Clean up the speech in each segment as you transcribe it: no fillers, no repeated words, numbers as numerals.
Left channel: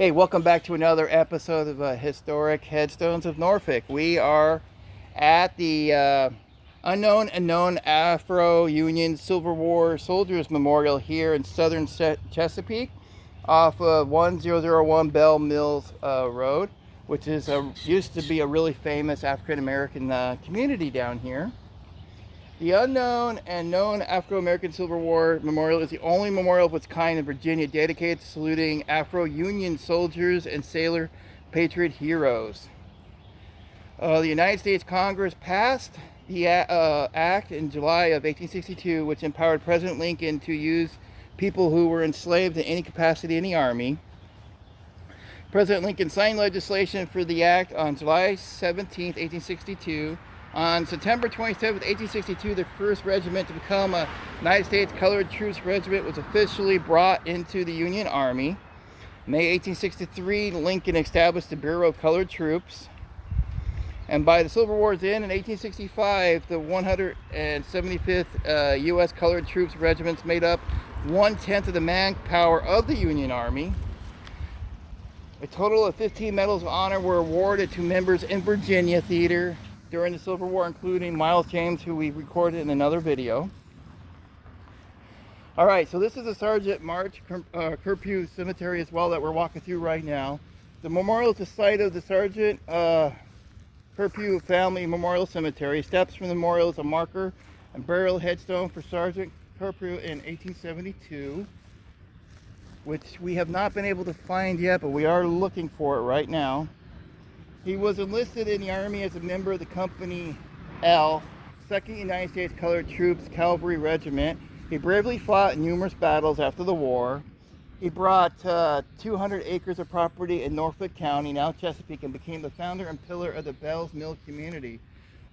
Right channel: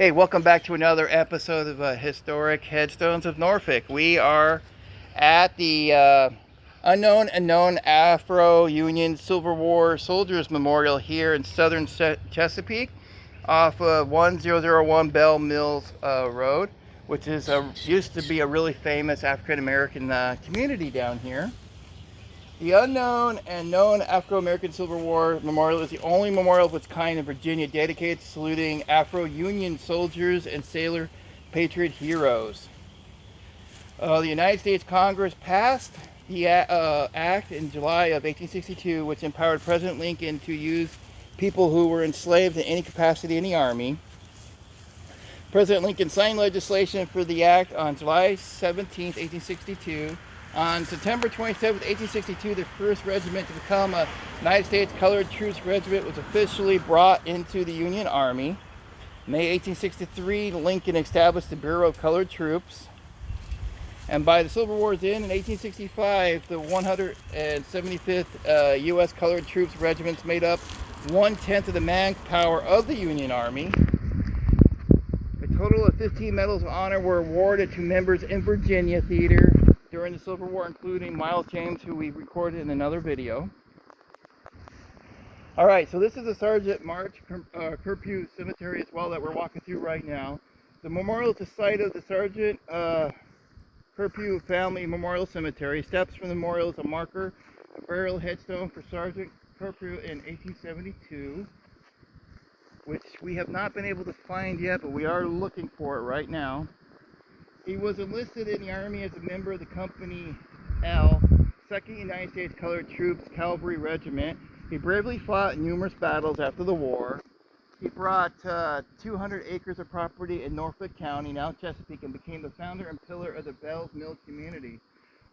Hey, welcome back to another episode of Historic Headstones of Norfolk. We are at the unknown and known Afro-Union Civil War Soldiers Memorial here in southern Chesapeake off of 1001 Bell Mills Road, which is used to be a really famous African-American community down here. The unknown and known Afro-American Civil War Memorial is the only memorial of its kind in Virginia dedicated to saluting Afro-Union soldiers and sailor patriot heroes. The United States Congress passed the act in July of 1862, which empowered President Lincoln to use people who were enslaved in any capacity in the Army. President Lincoln signed legislation for the act on July 17, 1862. On September 27, 1862, the 1st Regiment to become a United States Colored Troops Regiment was officially brought into the Union Army. May 1863, Lincoln established the Bureau of Colored Troops. And by the Civil War's end in 1865, the 175th U.S. Colored Troops Regiments made up 1/10 of the manpower of the Union Army. A total of 15 Medals of Honor were awarded to members in Virginia theater during the Civil War, including Miles James, who we recorded in another video. Alright, so this is the Sergeant March Corprew Cemetery as well that we're walking through right now. The memorial is the site of the Sergeant Corprew Family Memorial Cemetery. Steps from the memorial is a marker and burial headstone for Sergeant Corprew in 1872, which we have not been able to find yet, but we are looking for it right now. He was enlisted in the Army as a member of the Company L, 2nd United States Colored Troops Cavalry Regiment. He bravely fought in numerous battles after the war. He brought 200 acres of property in Norfolk County, now Chesapeake, and became the founder and pillar of the Bells Mill community,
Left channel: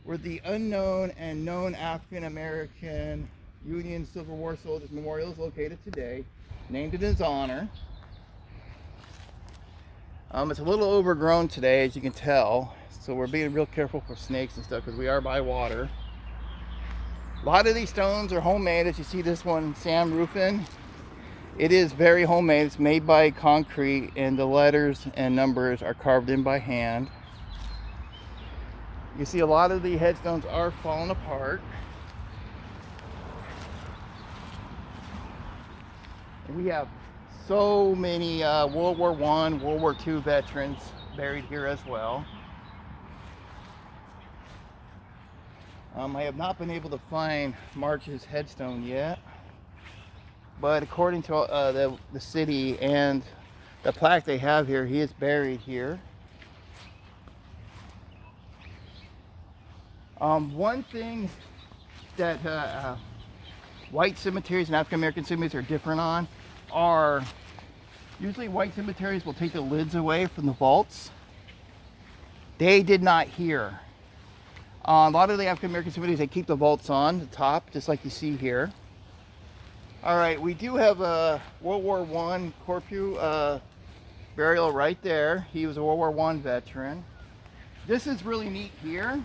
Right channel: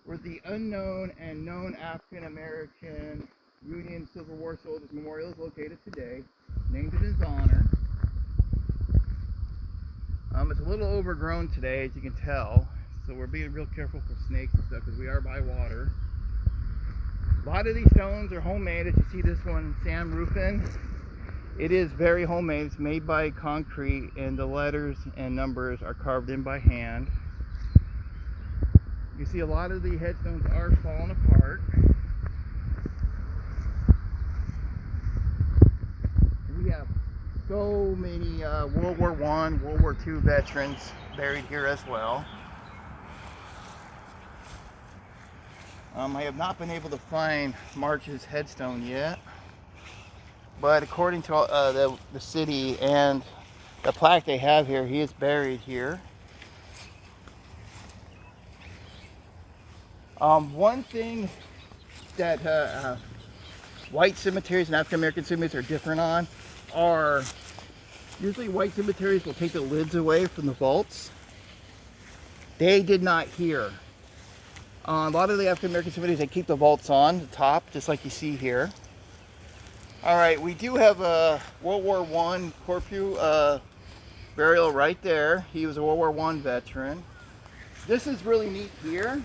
where the unknown and known African American Union Civil War Soldiers Memorial is located today, named in his honor. It's a little overgrown today, as you can tell, so we're being real careful for snakes and stuff because we are by water. A lot of these stones are homemade, as you see this one, Sam Roofing. It is very homemade. It's made by concrete, and the letters and numbers are carved in by hand. You see a lot of the headstones are falling apart. And we have so many World War I, World War II veterans buried here as well. I have not been able to find March's headstone yet, but according to the city and the plaque they have here, he is buried here. One thing that white cemeteries and African American cemeteries are different on are usually white cemeteries will take the lids away from the vaults. They did not here. A lot of the African American cemeteries, they keep the vaults on the top, just like you see here. Alright, we do have a World War I Corprew burial right there. He was a World War I veteran. This is really neat here.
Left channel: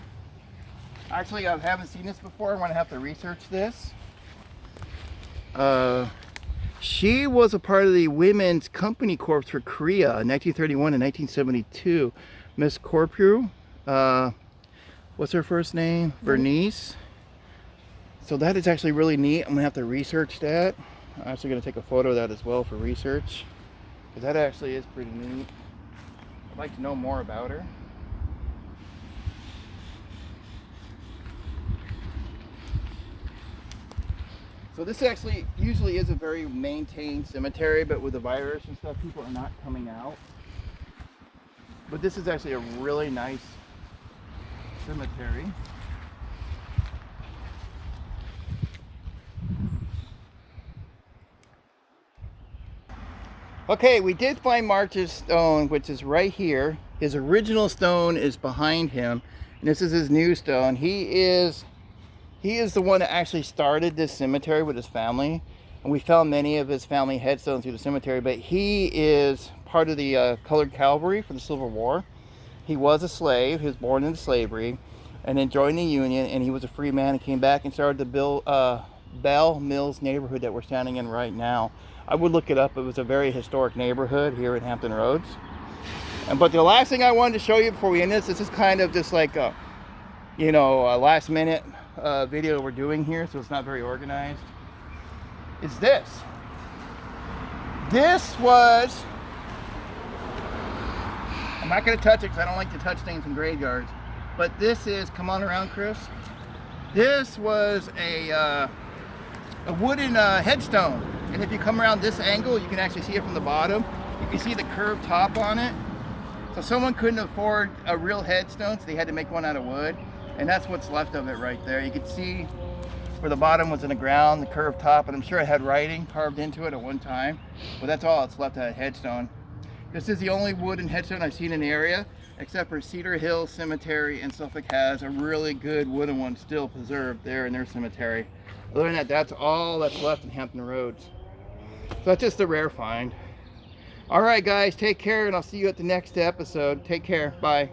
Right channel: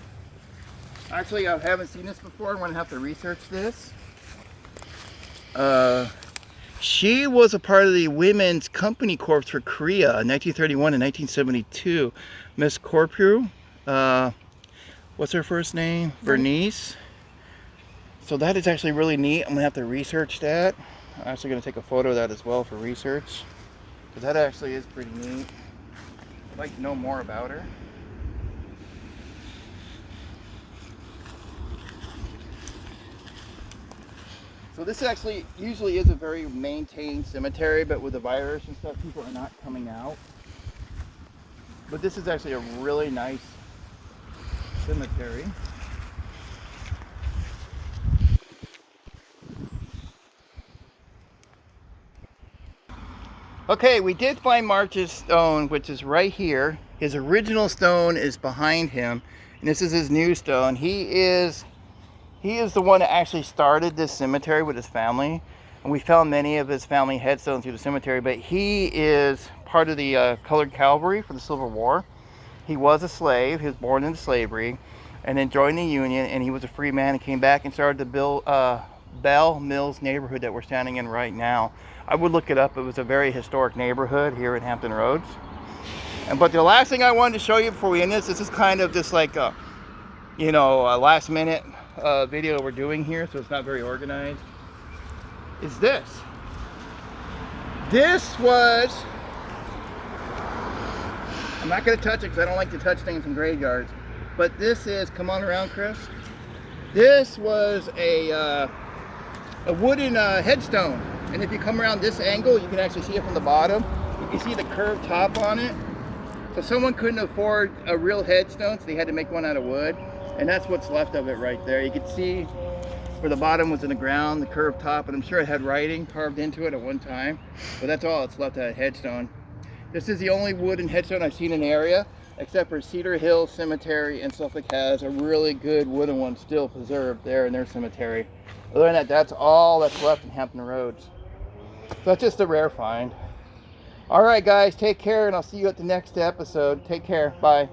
Actually, I haven't seen this before. I'm going to have to research this. She was a part of the Women's Company Corps for Korea in 1931 and 1972. Miss Corprew, what's her first name? Bernice. So that is actually really neat. I'm going to have to research that. I'm actually going to take a photo of that as well for research, because that actually is pretty neat. I'd like to know more about her. So this actually usually is a very maintained cemetery, but with the virus and stuff, people are not coming out. But this is actually a really nice cemetery. Okay, we did find March's stone, which is right here. His original stone is behind him, and this is his new stone. He is the one that actually started this cemetery with his family, and we found many of his family headstones through the cemetery, but he is part of the Colored Cavalry for the Civil War. He was a slave. He was born into slavery and then joined the Union, and he was a free man and came back and started the Bell Mills neighborhood that we're standing in right now. I would look it up. It was a very historic neighborhood here in Hampton Roads. But the last thing I wanted to show you before we end this is kind of just like a, a last minute video we're doing here, so it's not very organized. Is this. This was, I'm not going to touch it because I don't like to touch things in graveyards, but this is, come on around, Chris. This was a wooden headstone, and if you come around this angle, you can actually see it from the bottom. You can see the curved top on it. So someone couldn't afford a real headstone, so they had to make one out of wood, and that's what's left of it right there. You can see where the bottom was in the ground, the curved top, and I'm sure it had writing carved into it at one time, but that's all that's left of that headstone. This is the only wooden headstone I've seen in the area, except for Cedar Hill Cemetery in Suffolk has a really good wooden one still preserved there in their cemetery. Other than that, that's all that's left in Hampton Roads. So that's just a rare find. All right, guys, take care, and I'll see you at the next episode. Take care. Bye.